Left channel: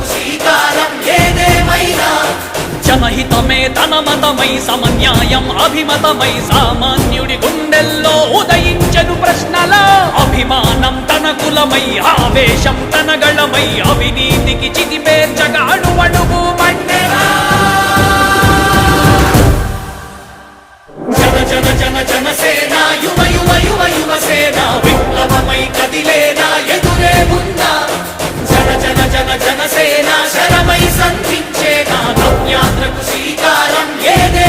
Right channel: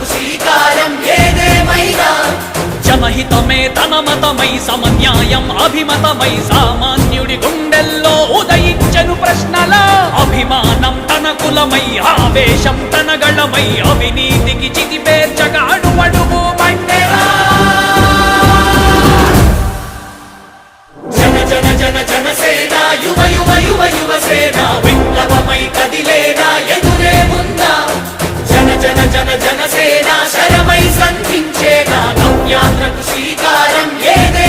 నవ్యాంధ్రకు శ్రీకారం ఏదేమైనా జనహితమే తన మతమై సమన్యాయం అభిమతమై సామాన్యుడి గుండెల్లో ఉదయించెను ప్రశ్నల అభిమానం తన కులమై ఆవేశం తన గళమై అవినీతికి చితిపేర్చగా అడువడుగు మండెరా జన జన జన జనసేన యువ యువ యువ యువసేన విప్లవమై కదిలేనా ఎదురే ఉందా జన జన జన జనసేన శరమై సంధించేనా నవ్యాంధ్రకు శ్రీకారం ఏదే